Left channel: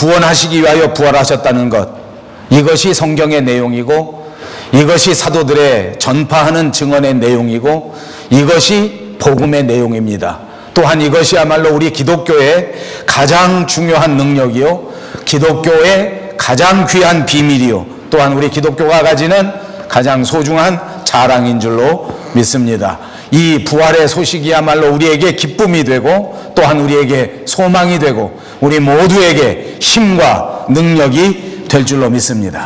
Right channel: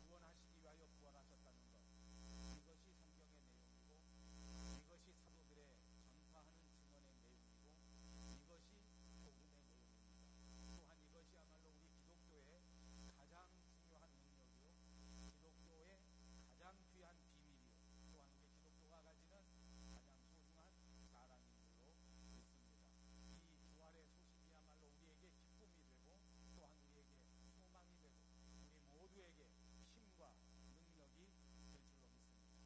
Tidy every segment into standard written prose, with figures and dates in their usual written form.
구원하시기 위하여 부활하셨다는 것, 이것이 성경의 내용이고 이것이 사도들의 전파하는 증언의 내용이고 이것이 복음의 내용입니다. 또한 이것이야말로 우리 기독교의 가장 중요한 능력이요, 기독교의 가장 귀한 비밀이요, 또한 우리 기독교가 가지는 가장 소중한 자랑인 줄로 믿습니다. 이 부활의 소식이야말로 우리에게 기쁨이 되고 또한 우리에게 소망이 되고 우리 모두에게 힘과 능력이 될 줄로 믿습니다.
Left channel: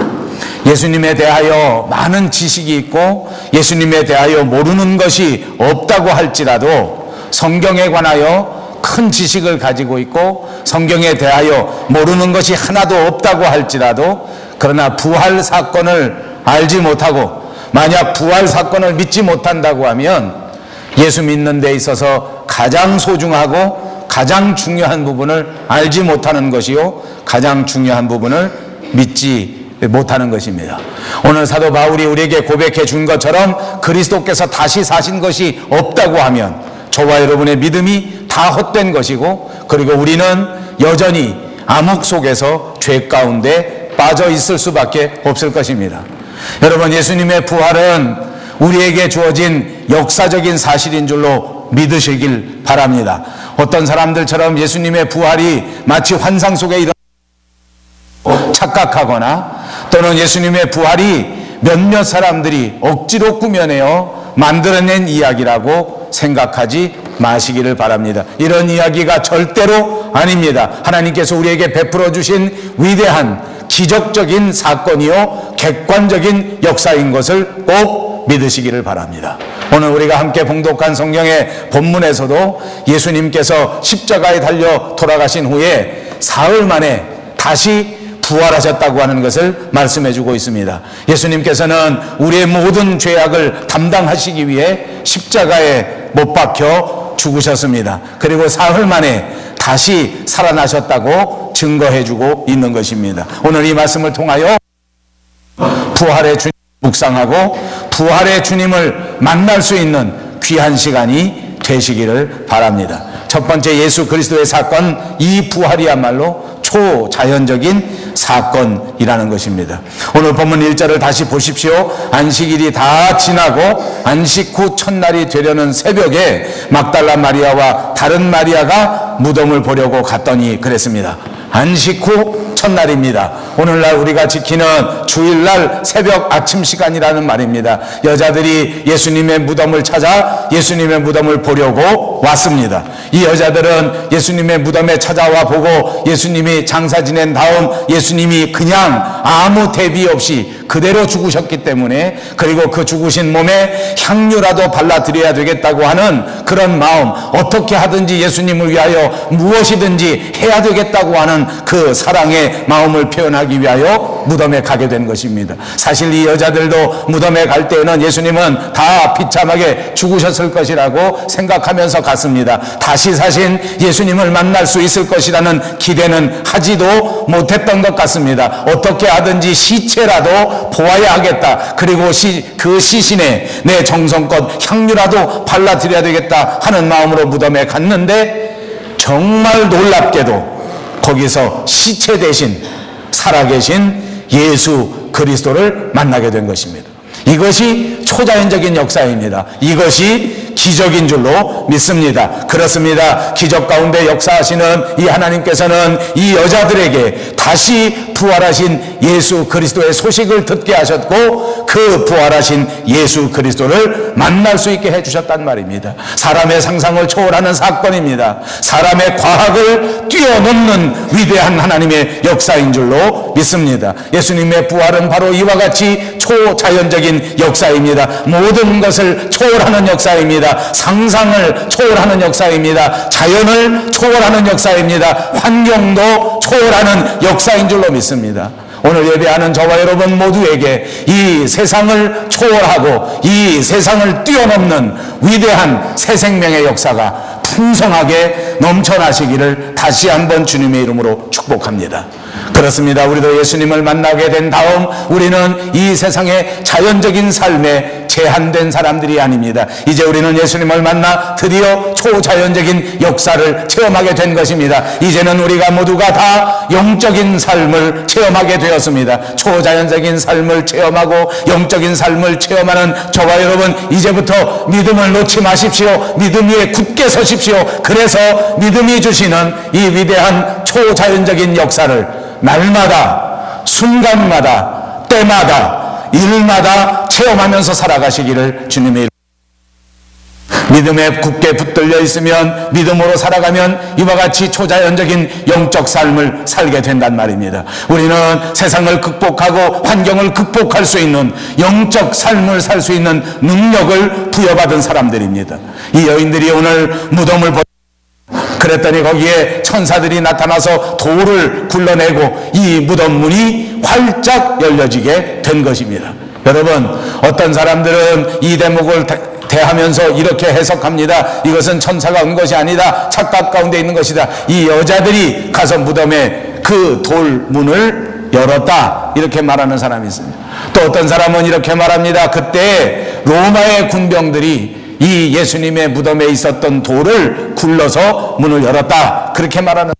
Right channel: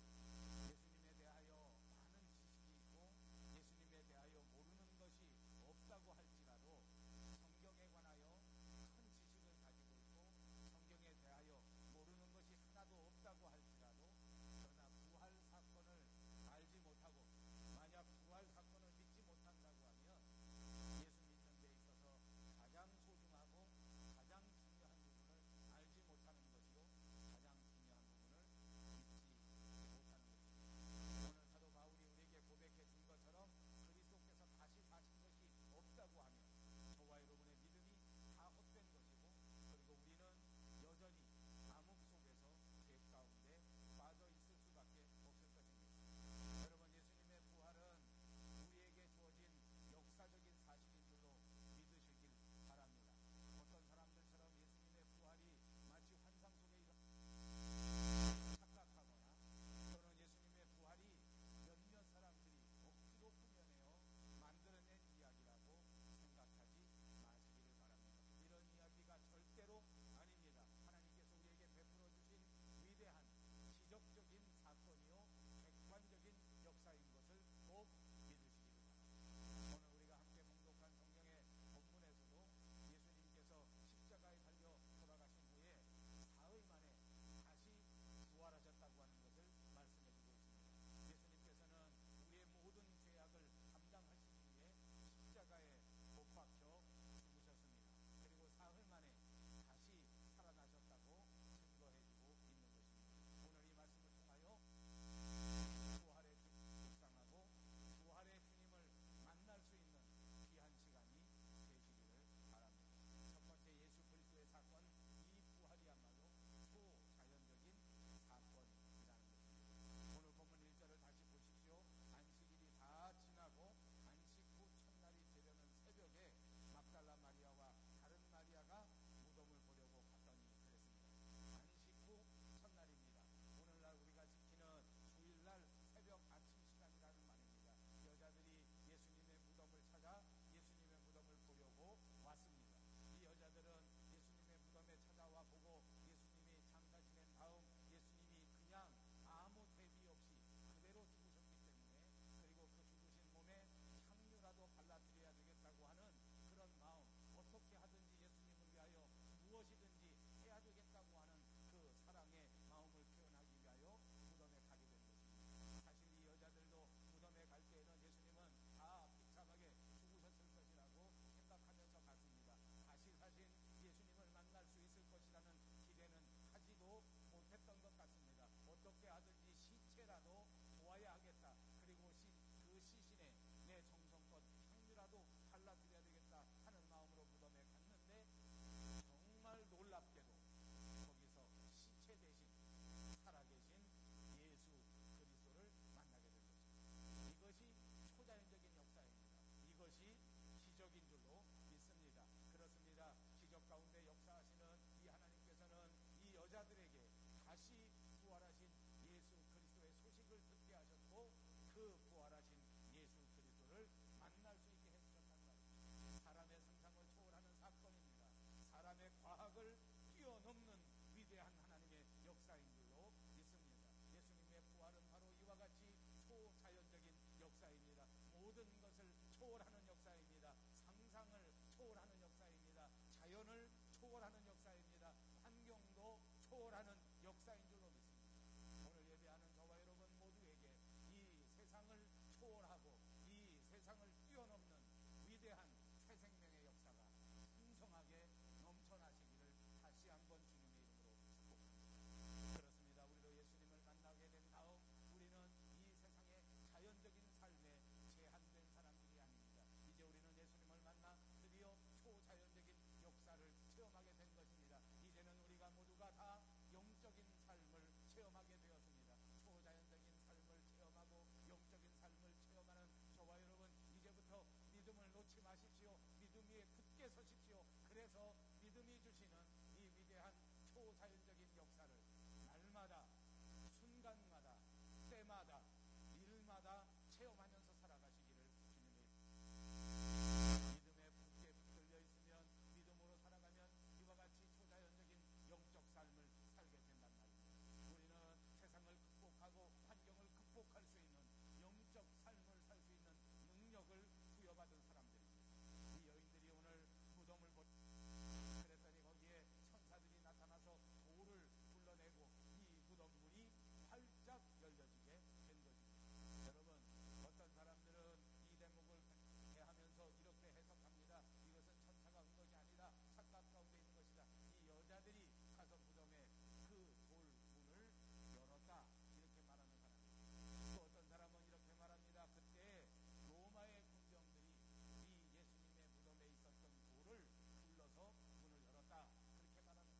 예수님에 대하여 많은 지식이 있고 예수님에 대하여 모르는 것이 없다고 할지라도 성경에 관하여 큰 지식을 가지고 있고 성경에 대하여 모르는 것이 하나도 없다고 할지라도, 그러나 부활 사건을 알지 못하고 만약 부활 사건을 믿지 못한다고 하면 예수 믿는 데 있어서 가장 소중하고 가장 중요한 부분을 알지 못하는 것이요, 가장 중요한 부분을 믿지 못하는 것입니다. 오늘 사도 바울이 우리에게 고백해 준 것처럼 그리스도께서 다시 사신 것이 없다고 하면 저와 여러분의 믿음이 다 헛된 것이고, 그리고 우리는 여전히 암흑 속에서 죄 가운데 빠져 있을 수밖에 없을 것입니다. 여러분, 예수님의 부활은 우리에게 주어진 역사적인 사실인 줄로 믿으시길 바랍니다. 어떤 사람들처럼 예수님의 부활이 마치 환상 속에 일어나 착각하거나 또는 예수님의 부활이 몇몇 사람들이 억지로 꾸며내어 만들어낸 이야기라고 생각하지 마시기를 바랍니다. 이런 이야기가 절대로 아닙니다. 하나님께서 우리에게 베풀어 주신 위대한 기적적인 사건이요 객관적인 역사인 것을 꼭 믿으시기를 바랍니다. 오늘 우리가 함께 봉독한 성경의 본문에서도 예수님께서 십자가에 달려 돌아가신 후에 사흘 만에 다시 부활하셨다고 하는 것을 말씀해 주고 있습니다. 예수님께서는 우리의 모든 죄악을 담당하시기 위해 십자가에 못 박혀 죽으셨습니다. 그리고 사흘 만에 다시 살아나셨다고 증거해 주고 있는 것입니다. 오늘 이 말씀을 통하여 부활의 주님 묵상하고 부활의 주님을 만날 수 있는 귀한 시간이 되시기를 바랍니다. 첫 번째, 예수 그리스도의 사건, 이 부활이야말로 초자연적인 사건이라는 것입니다. 오늘 본문 1절을 다시 보십시오. 안식일이 다 지나고 안식 후 첫날이 되려는 새벽에 막달라 마리아와 다른 마리아가 무덤을 보려고 갔더니 그랬습니다. 안식 후 첫날입니다. 오늘날 우리가 지키는 주일날 새벽 아침 시간이라는 말입니다. 여자들이 예수님의 무덤을 찾아 예수님의 무덤을 보려고 왔습니다. 이 여자들은 예수님의 무덤에 찾아와 보고 예수님이 장사 지낸 다음 예수님이 그냥 아무 대비 없이 그대로 죽으셨기 때문에, 그리고 그 죽으신 몸에 향유라도 발라드려야 되겠다고 하는 그런 마음, 어떻게 하든지 예수님을 위하여 무엇이든지 해야 되겠다고 하는 그 사랑의 마음을 표현하기 위하여 무덤에 가게 된 것입니다. 사실 이 여자들도 무덤에 갈 때에는 예수님은 다 비참하게 죽으셨을 것이라고 생각하면서 갔습니다. 다시 사신 예수님을 만날 수 있을 것이라는 기대는 하지도 못했던 것 같습니다. 어떻게 하든지 시체라도 보아야 하겠다, 그리고 그 시신에 내 정성껏 향유라도 발라드려야 되겠다 하는 마음으로 무덤에 갔는데, 정말 놀랍게도 거기서 시체 대신 살아계신 예수 그리스도를 만나게 된 것입니다. 이것이 초자연적인 역사입니다. 이것이 기적인 줄로 믿습니다. 그렇습니다. 기적 가운데 역사하시는 이 하나님께서는 이 여자들에게 다시 부활하신 예수 그리스도의 소식을 듣게 하셨고, 그 부활하신 예수 그리스도를 만날 수 있게 해주셨단 말입니다. 사람의 상상을 초월하는 사건입니다. 사람의 과학을 뛰어넘는 위대한 하나님의 역사인 줄로 믿습니다. 예수님의 부활은 바로 이와 같이 초자연적인 역사입니다. 모든 것을 초월하는 역사입니다. 상상을 초월하는 역사입니다. 자연을 초월하는 역사입니다. 환경도 초월하는 역사인 줄로 믿습니다. 오늘 예배하는 저와 여러분 모두에게 이 세상을 초월하고 이 세상을 뛰어넘는 위대한 새 생명의 역사가 풍성하게 넘쳐나시기를 다시 한번 주님의 이름으로 축복합니다. 그렇습니다. 우리도 예수님을 만나게 된 다음 우리는 이 세상의 자연적인 삶에 제한된 사람들이 아닙니다. 이제 우리는 예수님을 만나 드디어 초자연적인 역사를 체험하게 된 것입니다. 이제는 우리가 모두가 다 영적인 삶을 체험하게 되었습니다. 초자연적인 삶을 체험하고 영적인 삶을 체험하는 저와 여러분, 이제부터 믿음을 놓지 마십시오. 믿음 위에 굳게 서십시오. 그래서 믿음이 주시는 이 위대한 초자연적인 역사를 날마다, 순간마다, 때마다, 일마다 체험하면서 살아가시기를 주님의 믿음에 굳게 붙들려 있으면, 믿음으로 살아가면 이와 같이 초자연적인 영적 삶을 살게 된단 말입니다. 우리는 세상을 극복하고 환경을 극복할 수 있는 영적 삶을 살 수 있는 능력을 부여받은 사람들입니다. 이 여인들이 오늘 무덤을 그랬더니 거기에 천사들이 나타나서 돌을 굴러내고 이 무덤 문이 활짝 열려지게 된 것입니다. 여러분, 어떤 사람들은 이 대목을 대하면서 이렇게 해석합니다. 이것은 천사가 온 것이 아니다. 착각 가운데 있는 것이다. 이 여자들이 가서 무덤에 그 돌문을 열었다, 이렇게 말하는 사람이 있습니다. 또 어떤 사람은 이렇게 말합니다. 그때 로마의 군병들이 이 예수님의 무덤에 있었던 돌을 굴러서 문을 열었다, 그렇게 말하는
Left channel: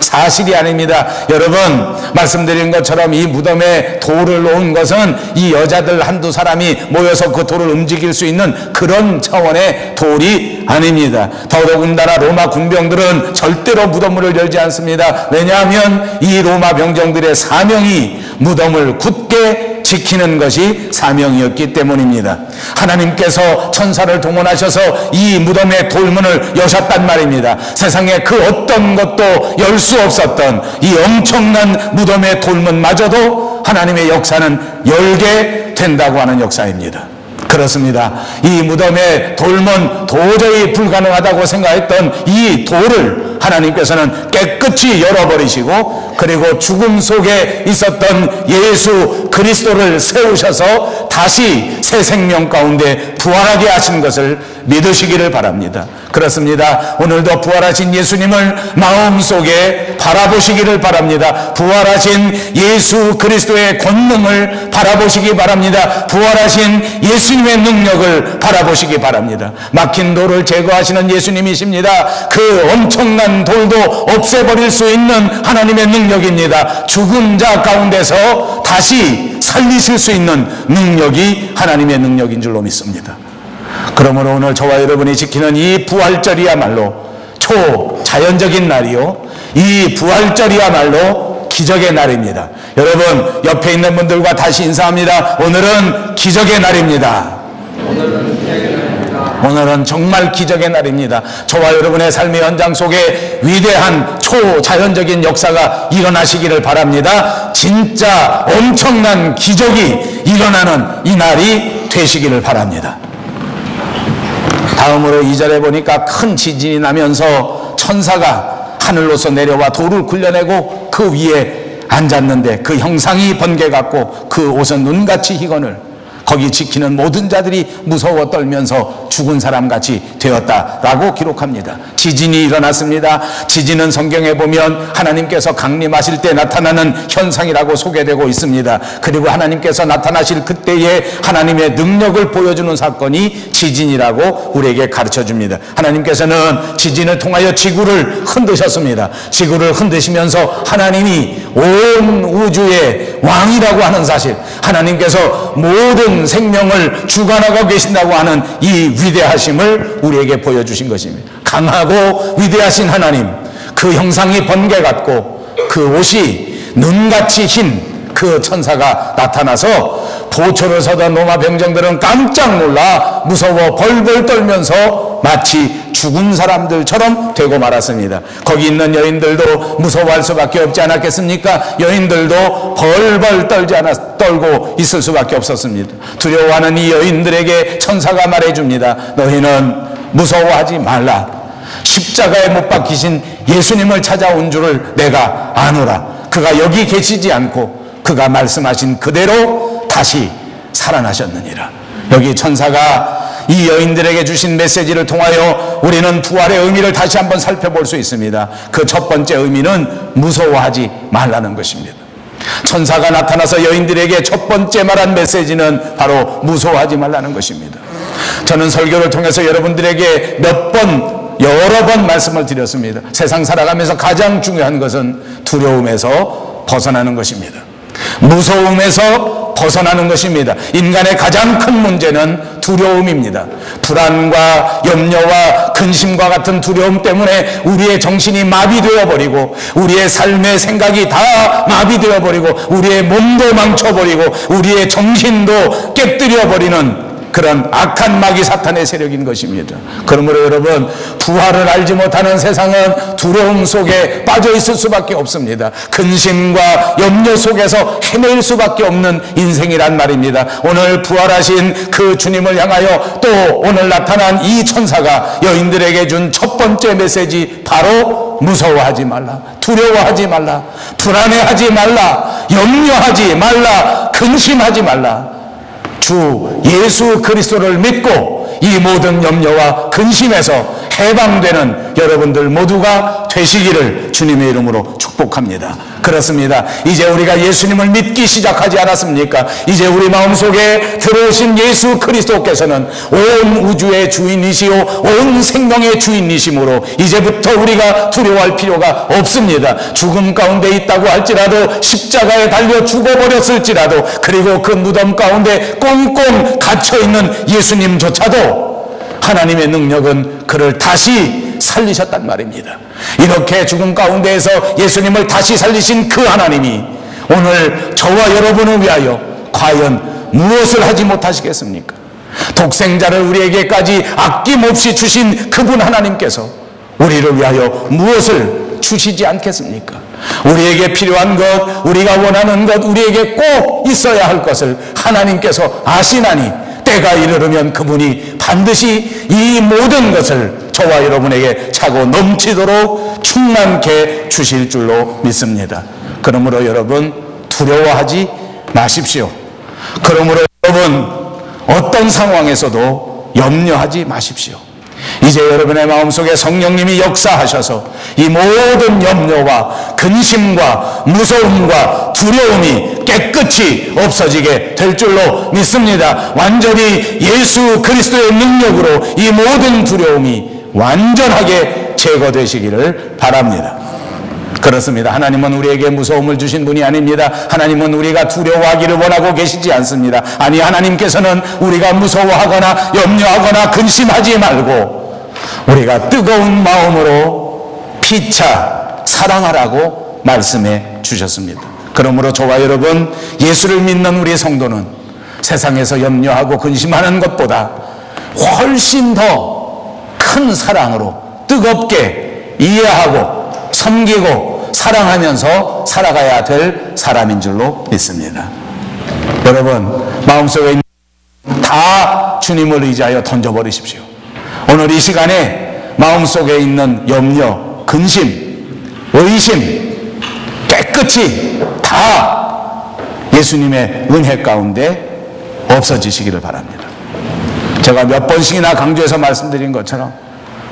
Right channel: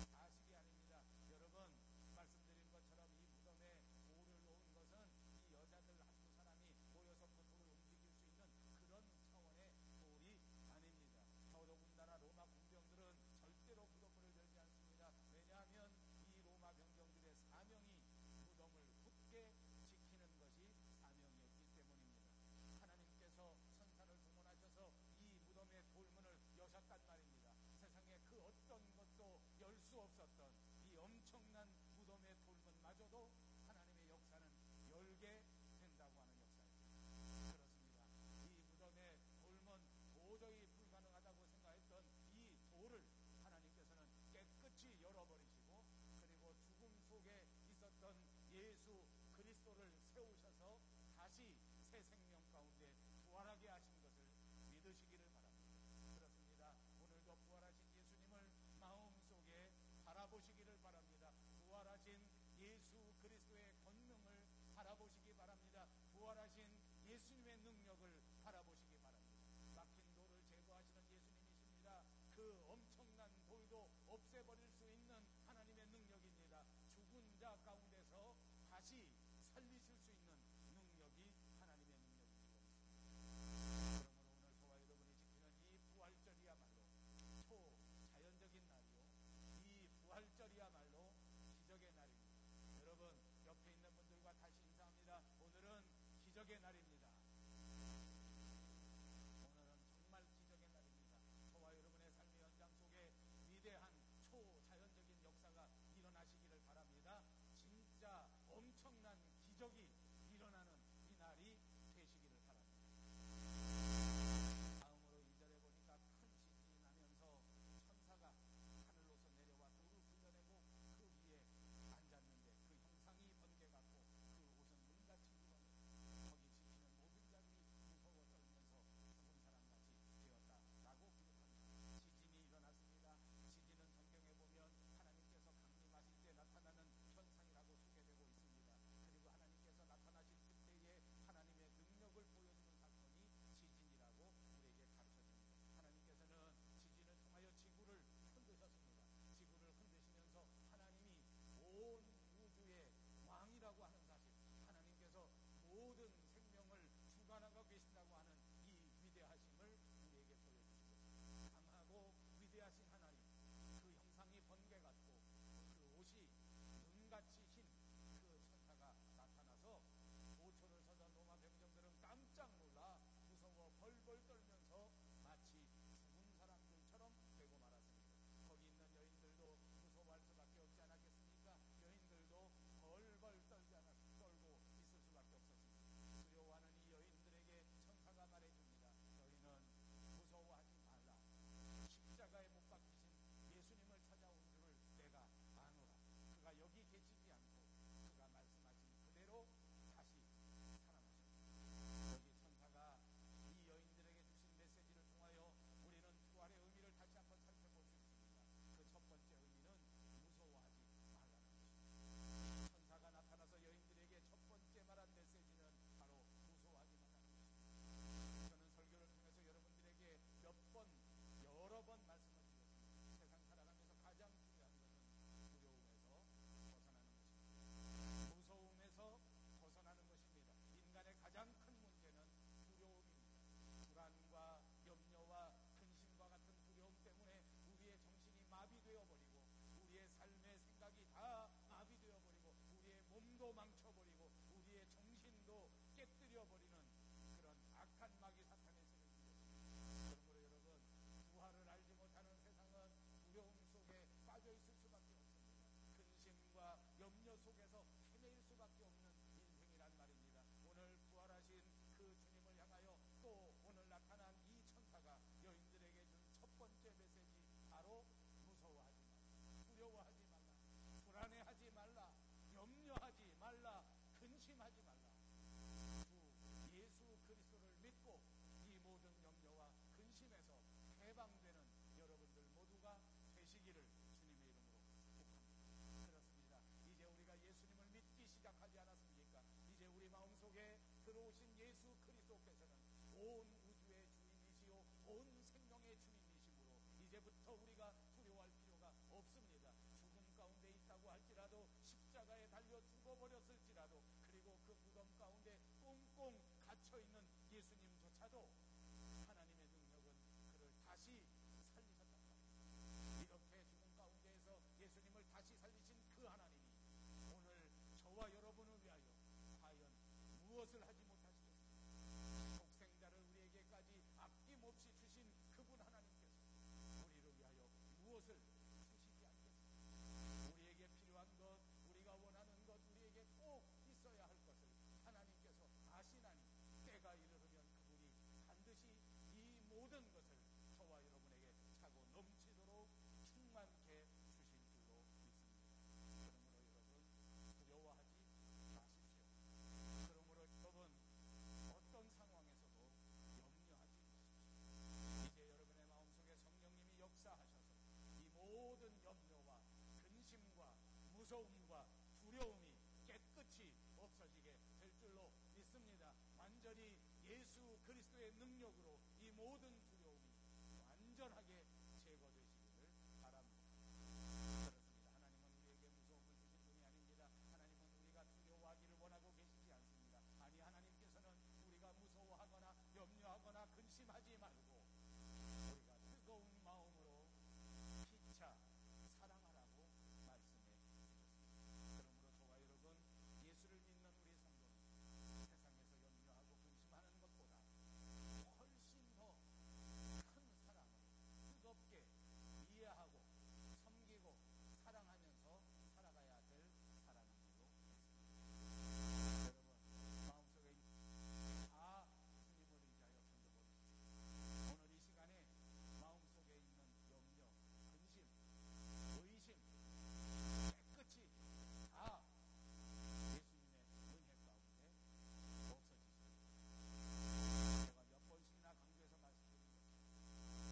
사실이 아닙니다. 여러분, 말씀드린 것처럼 이 무덤에 돌을 놓은 것은 이 여자들 한두 사람이 모여서 그 돌을 움직일 수 있는 그런 차원의 돌이 아닙니다. 더더군다나 로마 군병들은 절대로 무덤문을 열지 않습니다. 왜냐하면 이 로마 병정들의 사명이 무덤을 굳게 지키는 것이 사명이었기 때문입니다. 하나님께서 천사를 동원하셔서 이 무덤의 돌문을 여셨단 말입니다. 세상에 그 어떤 것도 열 수 없었던 이 엄청난 무덤의 돌문마저도 하나님의 역사는 열게 된다고 하는 역사입니다. 그렇습니다. 이 무덤의 돌문, 도저히 불가능하다고 생각했던 이 돌을 하나님께서는 깨끗이 열어버리시고, 그리고 죽음 속에 있었던 예수 그리스도를 세우셔서 다시 새 생명 가운데 부활하게 하신 것을 믿으시기를 바랍니다. 그렇습니다. 오늘도 부활하신 예수님을 마음속에 바라보시기를 바랍니다. 부활하신 예수 그리스도의 권능을 바라보시기 바랍니다. 부활하신 예수님의 능력을 바라보시기 바랍니다. 막힌 돌을 제거하시는 예수님이십니다. 그 엄청난 돌도 없애버릴 수 있는 하나님의 능력입니다. 죽은 자 가운데서 다시 살리실 수 있는 능력이 하나님의 능력인 줄로 믿습니다. 그러므로 오늘 저와 여러분이 지키는 이 부활절이야말로 초자연적인 날이요, 이 부활절이야말로 기적의 날입니다. 여러분, 옆에 있는 분들과 다시 인사합니다. 오늘은 기적의 날입니다. 오늘은 정말 기적의 날입니다. 저와 여러분의 삶의 현장 속에 위대한 초자연적인 역사가 일어나시기를 바랍니다. 진짜 엄청난 기적이 일어나는 이 날이 되시기를 바랍니다. 다음으로 2절에 보니까 큰 지진이 나면서 천사가 하늘로서 내려와 돌을 굴려내고 그 위에 앉았는데 그 형상이 번개 같고 그 옷은 눈같이 희건을, 거기 지키는 모든 자들이 무서워 떨면서 죽은 사람같이 되었다라고 기록합니다. 지진이 일어났습니다. 지진은 성경에 보면 하나님께서 강림하실 때 나타나는 현상이라고 소개되고 있습니다. 그리고 하나님께서 나타나실 그때에 하나님의 능력을 보여주는 사건이 지진이라고 우리에게 가르쳐줍니다. 하나님께서는 지진을 통하여 지구를 흔드셨습니다. 지구를 흔드시면서 하나님이 온 우주의 왕이라고 하는 사실, 하나님께서 모든 생명을 주관하고 계신다고 하는 이 위대하심을 우리에게 보여주신 것입니다. 강하고 위대하신 하나님, 그 형상이 번개 같고 그 옷이 눈같이 흰 그 천사가 나타나서 도초를 서던 로마 병정들은 깜짝 놀라 무서워 벌벌 떨면서 마치 죽은 사람들처럼 되고 말았습니다. 거기 있는 여인들도 무서워할 수밖에 없지 않았겠습니까? 여인들도 벌벌 떨고 있을 수밖에 없었습니다. 두려워하는 이 여인들에게 천사가 말해줍니다. 너희는 무서워하지 말라. 십자가에 못 박히신 예수님을 찾아온 줄을 내가 아노라. 그가 여기 계시지 않고 그가 말씀하신 그대로 다시 살아나셨느니라. 여기 천사가 이 여인들에게 주신 메시지를 통하여 우리는 부활의 의미를 다시 한번 살펴볼 수 있습니다. 그 첫 번째 의미는 무서워하지 말라는 것입니다. 천사가 나타나서 여인들에게 첫 번째 말한 메시지는 바로 무서워하지 말라는 것입니다. 저는 설교를 통해서 여러분들에게 여러 번 말씀을 드렸습니다. 세상 살아가면서 가장 중요한 것은 두려움에서 벗어나는 것입니다. 무서움에서 벗어나는 것입니다. 인간의 가장 큰 문제는 두려움입니다. 불안과 염려와 근심과 같은 두려움 때문에 우리의 정신이 마비되어 버리고, 우리의 삶의 생각이 다 마비되어 버리고, 우리의 몸도 망쳐버리고, 우리의 정신도 깨뜨려 버리는 그런 악한 마귀 사탄의 세력인 것입니다. 그러므로 여러분, 부활을 알지 못하는 세상은 두려움 속에 빠져 있을 수밖에 없습니다. 근심과 염려 속에서 헤매일 수밖에 없는 인생이란 말입니다. 오늘 부활하신 그 주님을 향하여 또 오늘 나타난 이 천사가 여인들에게 준 첫 번째 메시지, 바로 무서워하지 말라, 두려워하지 말라, 불안해하지 말라, 염려하지 말라, 근심하지 말라. 주 예수 그리스도를 믿고 이 모든 염려와 근심에서 해방되는 여러분들 모두가 되시기를 주님의 이름으로 축복합니다. 그렇습니다. 이제 우리가 예수님을 믿기 시작하지 않았습니까? 이제 우리 마음속에 들어오신 예수 그리스도께서는 온 우주의 주인이시오 온 생명의 주인이시므로 이제부터 우리가 두려워할 필요가 없습니다. 죽음 가운데 있다고 할지라도, 십자가에 달려 죽어버렸을지라도, 그리고 그 무덤 가운데 꽁꽁 갇혀있는 예수님조차도 하나님의 능력은 그를 다시 살리셨단 말입니다. 이렇게 죽음 가운데에서 예수님을 다시 살리신 그 하나님이 오늘 저와 여러분을 위하여 과연 무엇을 하지 못하시겠습니까? 독생자를 우리에게까지 아낌없이 주신 그분 하나님께서 우리를 위하여 무엇을 주시지 않겠습니까? 우리에게 필요한 것, 우리가 원하는 것, 우리에게 꼭 있어야 할 것을 하나님께서 아시나니 때가 이르르면 그분이 반드시 이 모든 것을 저와 여러분에게 차고 넘치도록 충만케 주실 줄로 믿습니다. 그러므로 여러분, 두려워하지 마십시오. 그러므로 여러분, 어떤 상황에서도 염려하지 마십시오. 이제 여러분의 마음속에 성령님이 역사하셔서 이 모든 염려와 근심과 무서움과 두려움이 깨끗이 없어지게 될 줄로 믿습니다. 완전히 예수 그리스도의 능력으로 이 모든 두려움이 완전하게 제거되시기를 바랍니다. 그렇습니다. 하나님은 우리에게 무서움을 주신 분이 아닙니다. 하나님은 우리가 두려워하기를 원하고 계시지 않습니다. 아니, 하나님께서는 우리가 무서워하거나 염려하거나 근심하지 말고 우리가 뜨거운 마음으로 피차 사랑하라고 말씀해 주셨습니다. 그러므로 저와 여러분, 예수를 믿는 우리 성도는 세상에서 염려하고 근심하는 것보다 훨씬 더 큰 사랑으로 뜨겁게 이해하고 섬기고 사랑하면서 살아가야 될 사람인 줄로 믿습니다. 여러분, 마음속에 있는 다 주님을 의지하여 던져버리십시오. 오늘 이 시간에 마음속에 있는 염려, 근심, 의심 깨끗이 다 예수님의 은혜 가운데 없어지시기를 바랍니다. 제가 몇 번씩이나 강조해서 말씀드린 것처럼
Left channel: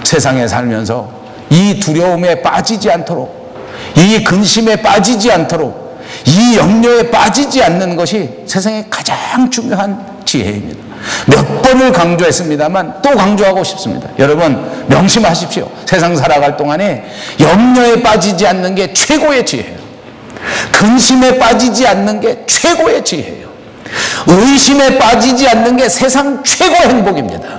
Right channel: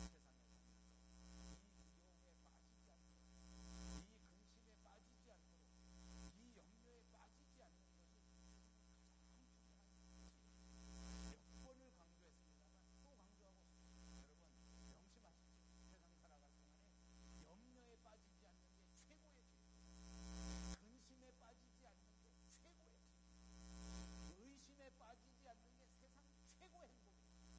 세상에 살면서 이 두려움에 빠지지 않도록, 이 근심에 빠지지 않도록, 이 염려에 빠지지 않는 것이 세상의 가장 중요한 지혜입니다. 몇 번을 강조했습니다만 또 강조하고 싶습니다. 여러분, 명심하십시오. 세상 살아갈 동안에 염려에 빠지지 않는 게 최고의 지혜예요. 근심에 빠지지 않는 게 최고의 지혜예요. 의심에 빠지지 않는 게 세상 최고의 행복입니다.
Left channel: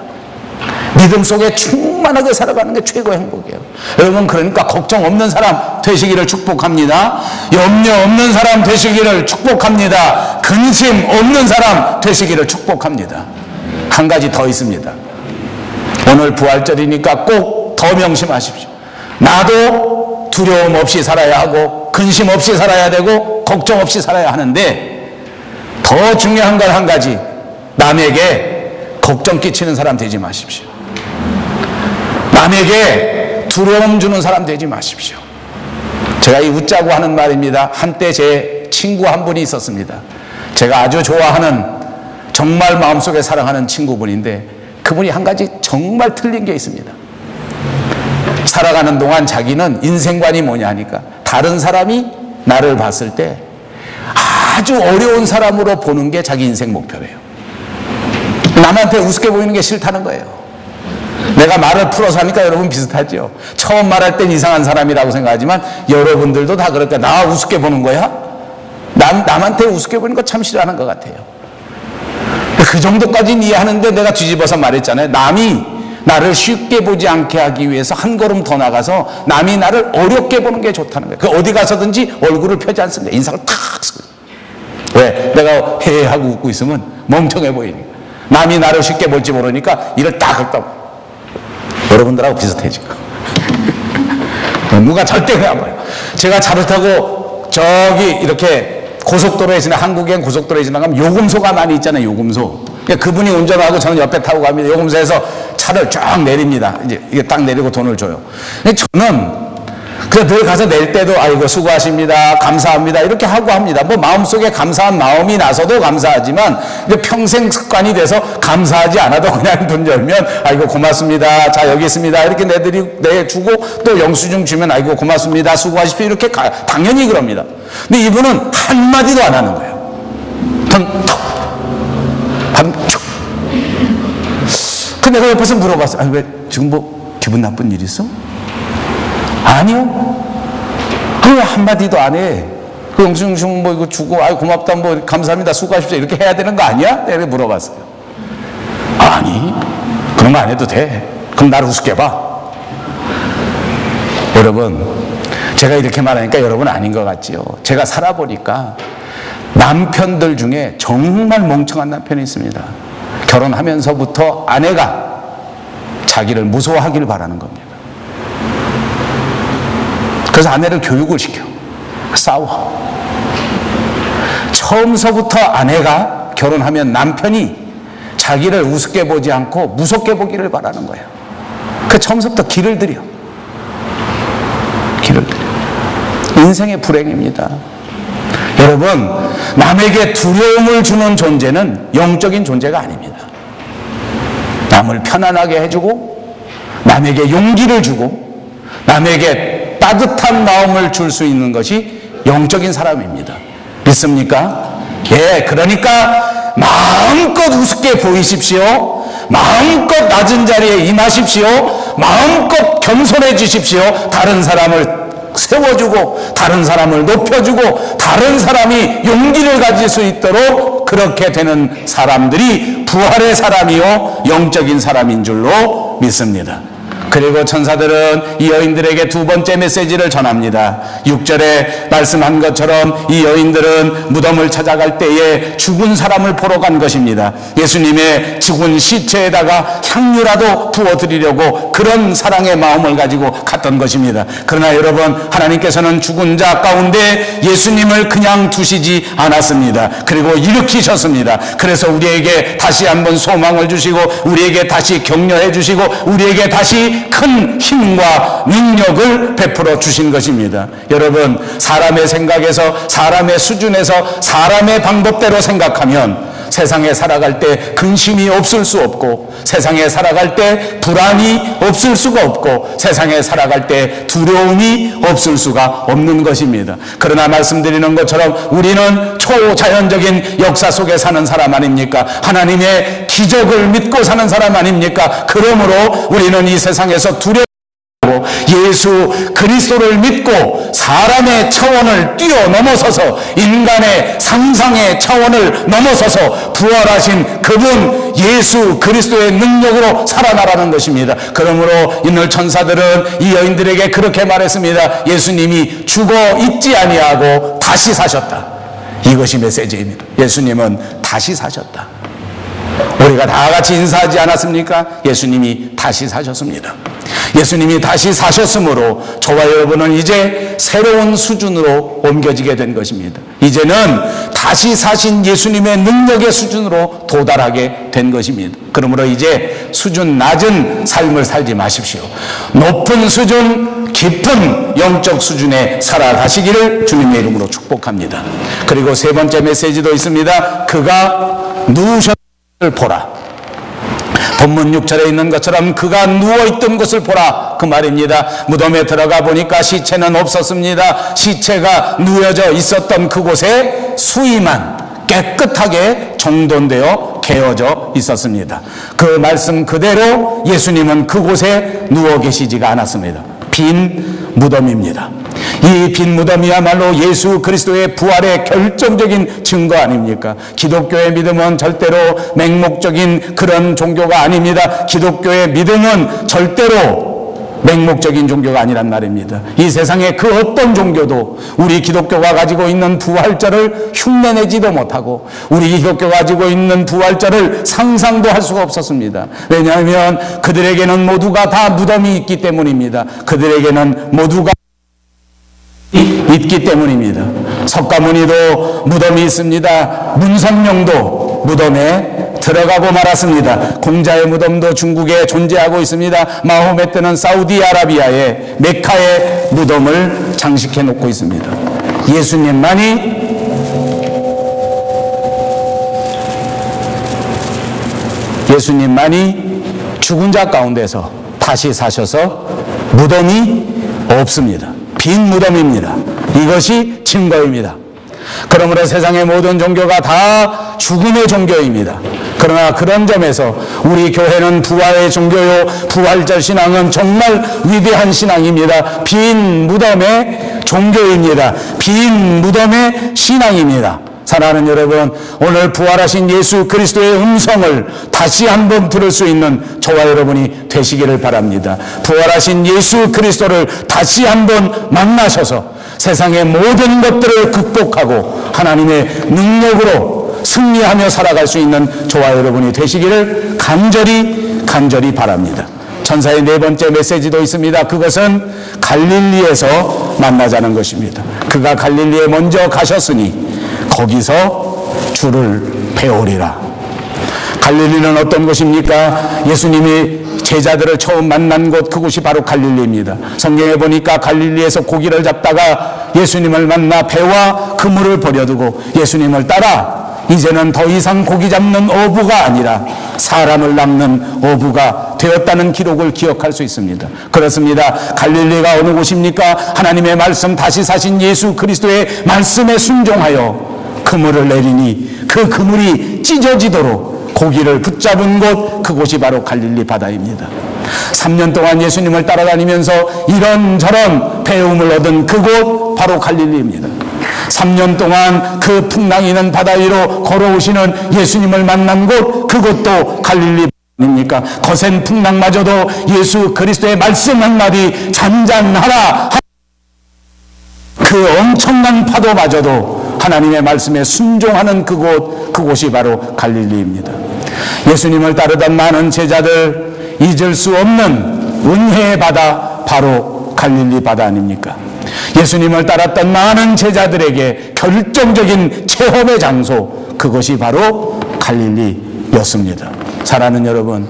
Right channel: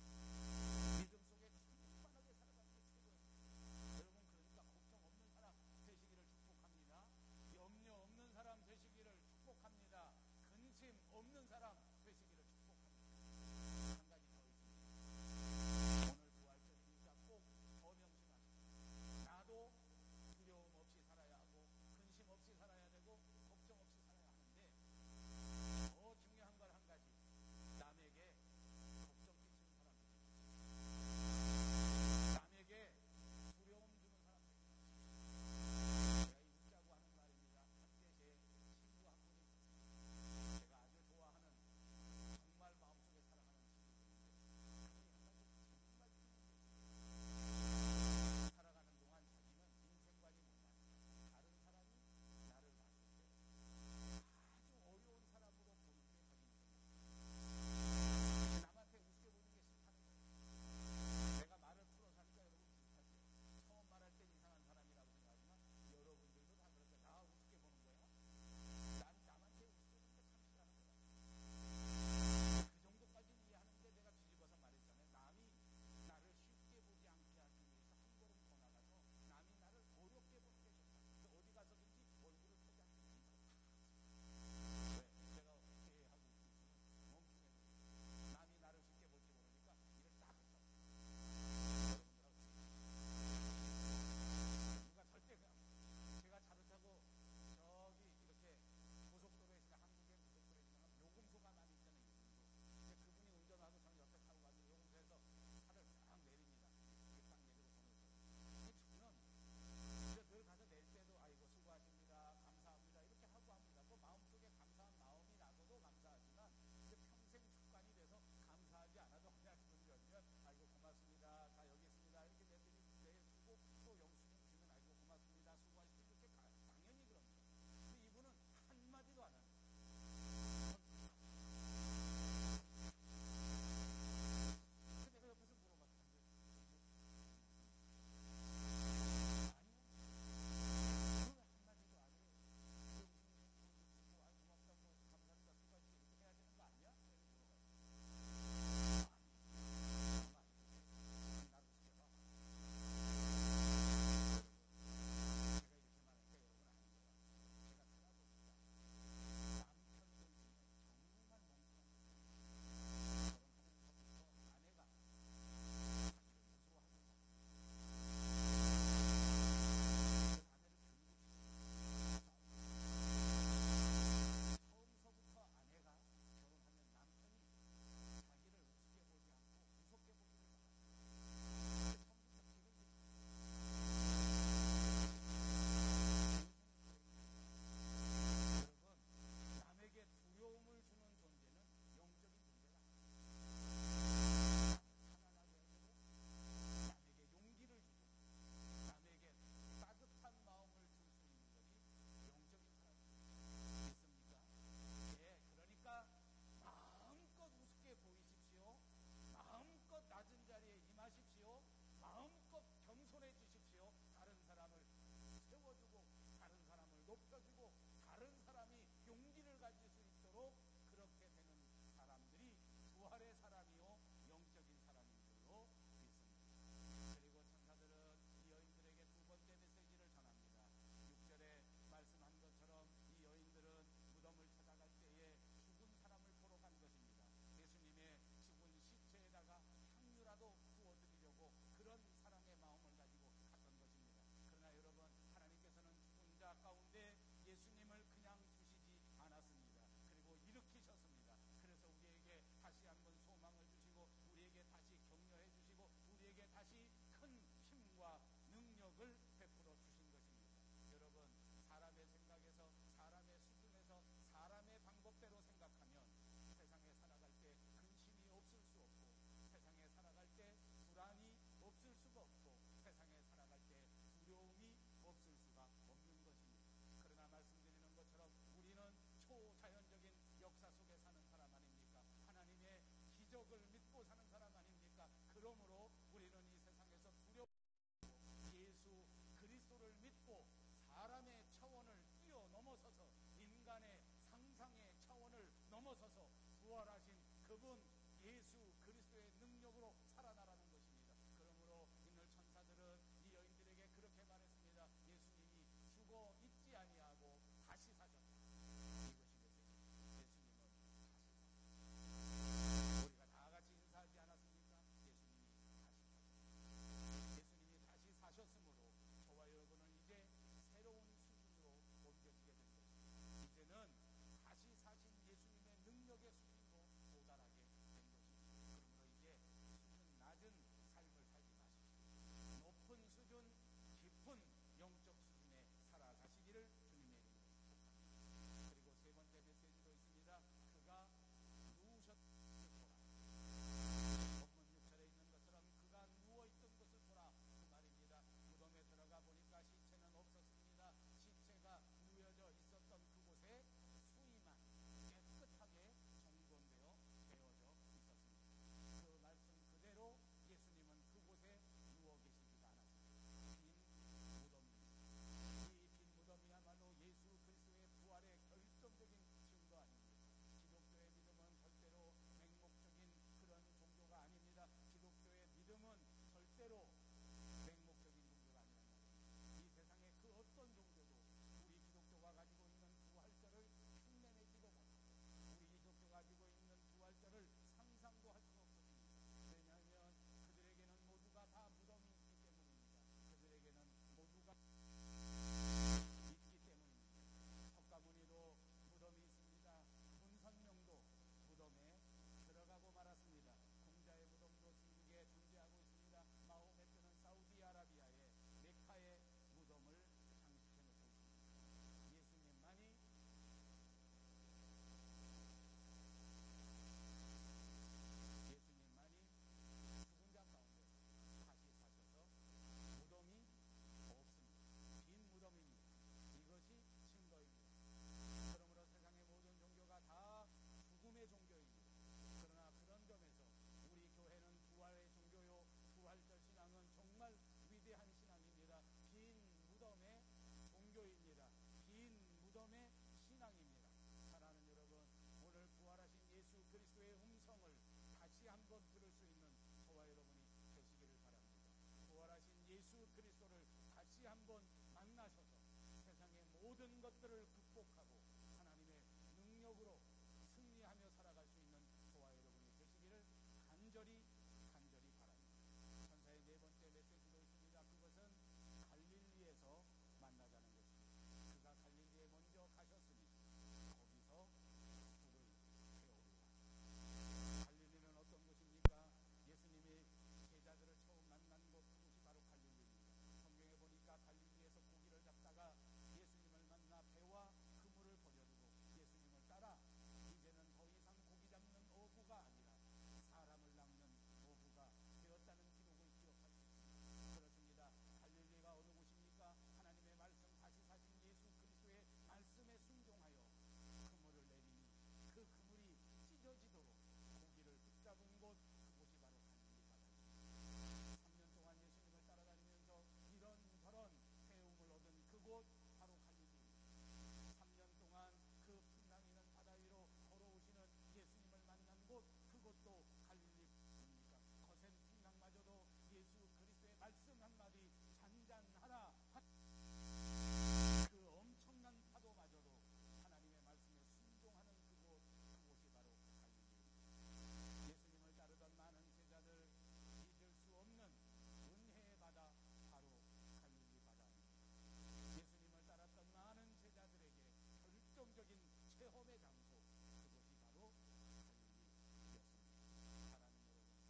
믿음 속에 충만하게 살아가는 게 최고의 행복이에요. 여러분, 그러니까 걱정 없는 사람 되시기를 축복합니다. 염려 없는 사람 되시기를 축복합니다. 근심 없는 사람 되시기를 축복합니다. 한 가지 더 있습니다. 오늘 부활절이니까 꼭 더 명심하십시오. 나도 두려움 없이 살아야 하고 근심 없이 살아야 되고 걱정 없이 살아야 하는데, 더 중요한 건 한 가지, 남에게 걱정 끼치는 사람 되지 마십시오. 남에게 두려움 주는 사람 되지 마십시오. 제가 이 웃자고 하는 말입니다. 한때 제 친구 한 분이 있었습니다. 제가 아주 좋아하는, 정말 마음속에 사랑하는 친구분인데, 그분이 한 가지 정말 틀린 게 있습니다. 살아가는 동안 자기는 인생관이 뭐냐 하니까 다른 사람이 나를 봤을 때 아주 어려운 사람으로 보는 게 자기 인생 목표래요. 남한테 우습게 보이는 게 싫다는 거예요. 내가 말을 풀어서 하니까 여러분 비슷하죠. 처음 말할 땐 이상한 사람이라고 생각하지만 여러분들도 다 그럴까? 나 우습게 보는 거야? 남한테 우습게 보는 거 참 싫어하는 것 같아요. 그 정도까지는 이해하는데 내가 뒤집어서 말했잖아요. 남이 나를 쉽게 보지 않게 하기 위해서 한 걸음 더 나가서 남이 나를 어렵게 보는 게 좋다는 거예요. 그 어디 가서든지 얼굴을 펴지 않습니다. 인상을 탁 쓰고. 왜? 내가 헤헤하고 웃고 있으면 멍청해 보이니까. 남이 나를 쉽게 볼지 모르니까 이를 딱 긁다. 여러분들하고 비슷해 지금. 누가 절대 그래 안 봐요. 제가 차를 타고 저기 이렇게 고속도로에 한국엔 고속도로에 지나가면 요금소가 많이 있잖아요. 요금소. 그분이 운전하고 저는 옆에 타고 갑니다. 요금소에서 차를 쫙 내립니다. 이제 이게 딱 내리고 돈을 줘요. 저는 그래서 늘 가서 낼 때도 아이고 수고하십니다, 감사합니다 이렇게 하고 합니다. 뭐 마음속에 감사한 마음이 나서도 감사하지만 평생 습관이 돼서 감사하지 않아도 그냥 돈 열면 아이고 고맙습니다, 자 여기 있습니다 이렇게 내주고 또 영수증 주면 아이고 고맙습니다, 수고하십시오 이렇게 당연히 그럽니다. 근데 이분은 한마디도 안 하는 거예요. 턱 반축. 근데 내가 옆에서 물어봤어요. 아니 왜 지금 뭐 기분 나쁜 일 있어? 아니요. 왜 한마디도 안 해? 그 영수증 뭐 이거 주고, 아이 고맙다, 뭐 감사합니다, 수고하십시오 이렇게 해야 되는 거 아니야? 내가 물어봤어요. 아니, 그런 거 안 해도 돼. 그럼 나를 우습게 봐. 여러분, 제가 이렇게 말하니까 여러분 아닌 것 같지요. 제가 살아보니까 남편들 중에 정말 멍청한 남편이 있습니다. 결혼하면서부터 아내가 자기를 무서워하기를 바라는 겁니다. 그래서 아내를 교육을 시켜. 싸워. 처음서부터 아내가 결혼하면 남편이 자기를 우습게 보지 않고 무섭게 보기를 바라는 거예요. 그 처음서부터 길을 들여. 길을 들여. 인생의 불행입니다. 여러분, 남에게 두려움을 주는 존재는 영적인 존재가 아닙니다. 남을 편안하게 해주고 남에게 용기를 주고 남에게 따뜻한 마음을 줄 수 있는 것이 영적인 사람입니다. 믿습니까? 예, 그러니까 마음껏 우습게 보이십시오. 마음껏 낮은 자리에 임하십시오. 마음껏 겸손해 주십시오. 다른 사람을 세워주고 다른 사람을 높여주고 다른 사람이 용기를 가질 수 있도록 그렇게 되는 사람들이 부활의 사람이요 영적인 사람인 줄로 믿습니다. 그리고 천사들은 이 여인들에게 두 번째 메시지를 전합니다. 6절에 말씀한 것처럼 이 여인들은 무덤을 찾아갈 때에 죽은 사람을 보러 간 것입니다. 예수님의 죽은 시체에다가 향유라도 부어드리려고 그런 사랑의 마음을 가지고 갔던 것입니다. 그러나 여러분, 하나님께서는 죽은 자 가운데 예수님을 그냥 두시지 않았습니다. 그리고 일으키셨습니다. 그래서 우리에게 다시 한번 소망을 주시고 우리에게 다시 격려해 주시고 우리에게 다시 큰 힘과 능력을 베풀어 주신 것입니다. 여러분, 사람의 생각에서 사람의 수준에서 사람의 방법대로 생각하면 세상에 살아갈 때 근심이 없을 수 없고 세상에 살아갈 때 불안이 없을 수가 없고 세상에 살아갈 때 두려움이 없을 수가 없는 것입니다. 그러나 말씀드리는 것처럼 우리는 초자연적인 역사 속에 사는 사람 아닙니까? 하나님의 기적을 믿고 사는 사람 아닙니까? 그러므로 우리는 이 세상에서 두려워 예수 그리스도를 믿고 사람의 차원을 뛰어넘어서서 인간의 상상의 차원을 넘어서서 부활하신 그분 예수 그리스도의 능력으로 살아나라는 것입니다. 그러므로 오늘 천사들은 이 여인들에게 그렇게 말했습니다. 예수님이 죽어 있지 아니하고 다시 사셨다. 이것이 메시지입니다. 예수님은 다시 사셨다. 우리가 다 같이 인사하지 않았습니까? 예수님이 다시 사셨습니다. 예수님이 다시 사셨으므로 저와 여러분은 이제 새로운 수준으로 옮겨지게 된 것입니다. 이제는 다시 사신 예수님의 능력의 수준으로 도달하게 된 것입니다. 그러므로 이제 수준 낮은 삶을 살지 마십시오. 높은 수준, 깊은 영적 수준에 살아가시기를 주님의 이름으로 축복합니다. 그리고 세 번째 메시지도 있습니다. 그가 누우셨을 보라. 본문 6절에 있는 것처럼 그가 누워있던 것을 보라 그 말입니다. 무덤에 들어가 보니까 시체는 없었습니다. 시체가 누워져 있었던 그곳에 수의만 깨끗하게 정돈되어 개어져 있었습니다. 그 말씀 그대로 예수님은 그곳에 누워 계시지가 않았습니다. 빈 무덤입니다. 이 빈 무덤이야말로 예수 그리스도의 부활의 결정적인 증거 아닙니까? 기독교의 믿음은 절대로 맹목적인 그런 종교가 아닙니다. 기독교의 믿음은 절대로 맹목적인 종교가 아니란 말입니다. 이 세상의 그 어떤 종교도 우리 기독교가 가지고 있는 부활절을 흉내내지도 못하고 우리 기독교가 가지고 있는 부활절을 상상도 할 수가 없었습니다. 왜냐하면 그들에게는 모두가 다 무덤이 있기 때문입니다. 그들에게는 모두가 있기 때문입니다. 석가모니도 무덤이 있습니다. 문성명도 무덤에 들어가고 말았습니다. 공자의 무덤도 중국에 존재하고 있습니다. 마호메트는 사우디아라비아의 메카의 무덤을 장식해 놓고 있습니다. 예수님만이 죽은 자 가운데서 다시 사셔서 무덤이 없습니다. 빈 무덤입니다. 이것이 증거입니다. 그러므로 세상의 모든 종교가 다 죽음의 종교입니다. 그러나 그런 점에서 우리 교회는 부활의 종교요, 부활절 신앙은 정말 위대한 신앙입니다. 빈 무덤의 종교입니다. 빈 무덤의 신앙입니다. 사랑하는 여러분, 오늘 부활하신 예수 그리스도의 음성을 다시 한번 들을 수 있는 저와 여러분이 되시기를 바랍니다. 부활하신 예수 그리스도를 다시 한번 만나셔서 세상의 모든 것들을 극복하고 하나님의 능력으로 승리하며 살아갈 수 있는 저와 여러분이 되시기를 간절히 바랍니다. 천사의 네 번째 메시지도 있습니다. 그것은 갈릴리에서 만나자는 것입니다. 그가 갈릴리에 먼저 가셨으니 거기서 주를 배우리라. 갈릴리는 어떤 곳입니까? 예수님이 제자들을 처음 만난 곳, 그곳이 바로 갈릴리입니다. 성경에 보니까 갈릴리에서 고기를 잡다가 예수님을 만나 배와 그물을 버려두고 예수님을 따라 이제는 더 이상 고기 잡는 어부가 아니라 사람을 낚는 어부가 되었다는 기록을 기억할 수 있습니다. 그렇습니다. 갈릴리가 어느 곳입니까? 하나님의 말씀, 다시 사신 예수 그리스도의 말씀에 순종하여 그물을 내리니 그 그물이 찢어지도록 고기를 붙잡은 곳, 그곳이 바로 갈릴리 바다입니다. 3년 동안 예수님을 따라다니면서 이런저런 배움을 얻은 그곳 바로 갈릴리입니다. 3년 동안 그 풍랑이는 바다 위로 걸어오시는 예수님을 만난 곳, 그곳도 갈릴리 아닙니까? 거센 풍랑마저도 예수 그리스도의 말씀 한마디 잔잔하라, 그 엄청난 파도마저도 하나님의 말씀에 순종하는 그곳이 바로 갈릴리입니다. 예수님을 따르던 많은 제자들, 잊을 수 없는 은혜의 바다, 바로 갈릴리 바다 아닙니까? 예수님을 따랐던 많은 제자들에게 결정적인 체험의 장소, 그것이 바로 갈릴리였습니다. 사랑하는 여러분,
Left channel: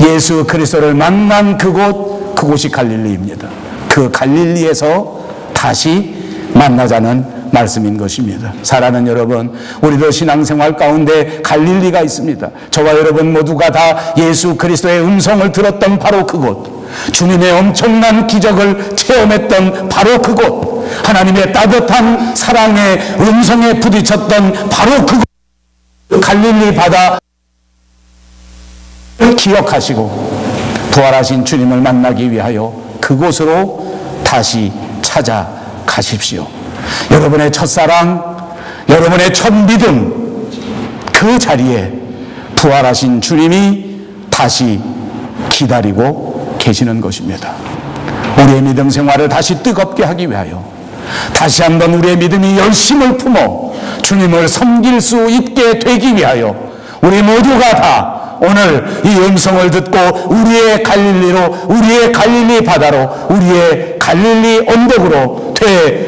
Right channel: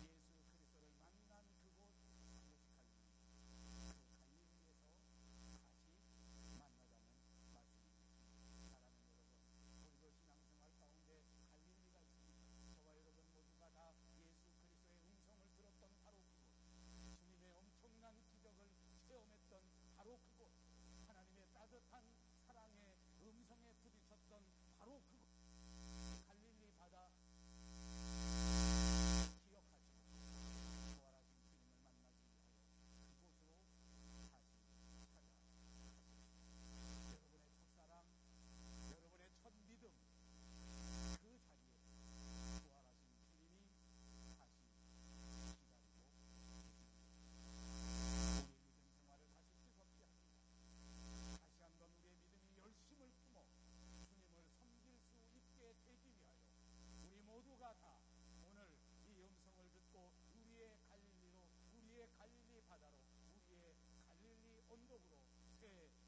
예수 그리스도를 만난 그곳이 갈릴리입니다. 그 갈릴리에서 다시 만나자는 말씀인 것입니다. 사랑하는 여러분, 우리도 신앙생활 가운데 갈릴리가 있습니다. 저와 여러분 모두가 다 예수 그리스도의 음성을 들었던 바로 그곳, 주님의 엄청난 기적을 체험했던 바로 그곳, 하나님의 따뜻한 사랑의 음성에 부딪혔던 바로 그곳, 갈릴리 바다 기억하시고 부활하신 주님을 만나기 위하여 그곳으로 다시 찾아가십시오. 여러분의 첫사랑, 여러분의 첫 믿음, 그 자리에 부활하신 주님이 다시 기다리고 계시는 것입니다. 우리의 믿음 생활을 다시 뜨겁게 하기 위하여 다시 한번 우리의 믿음이 열심을 품어 주님을 섬길 수 있게 되기 위하여 우리 모두가 다 오늘 이 음성을 듣고 우리의 갈릴리로, 우리의 갈릴리 바다로, 우리의 갈릴리 언덕으로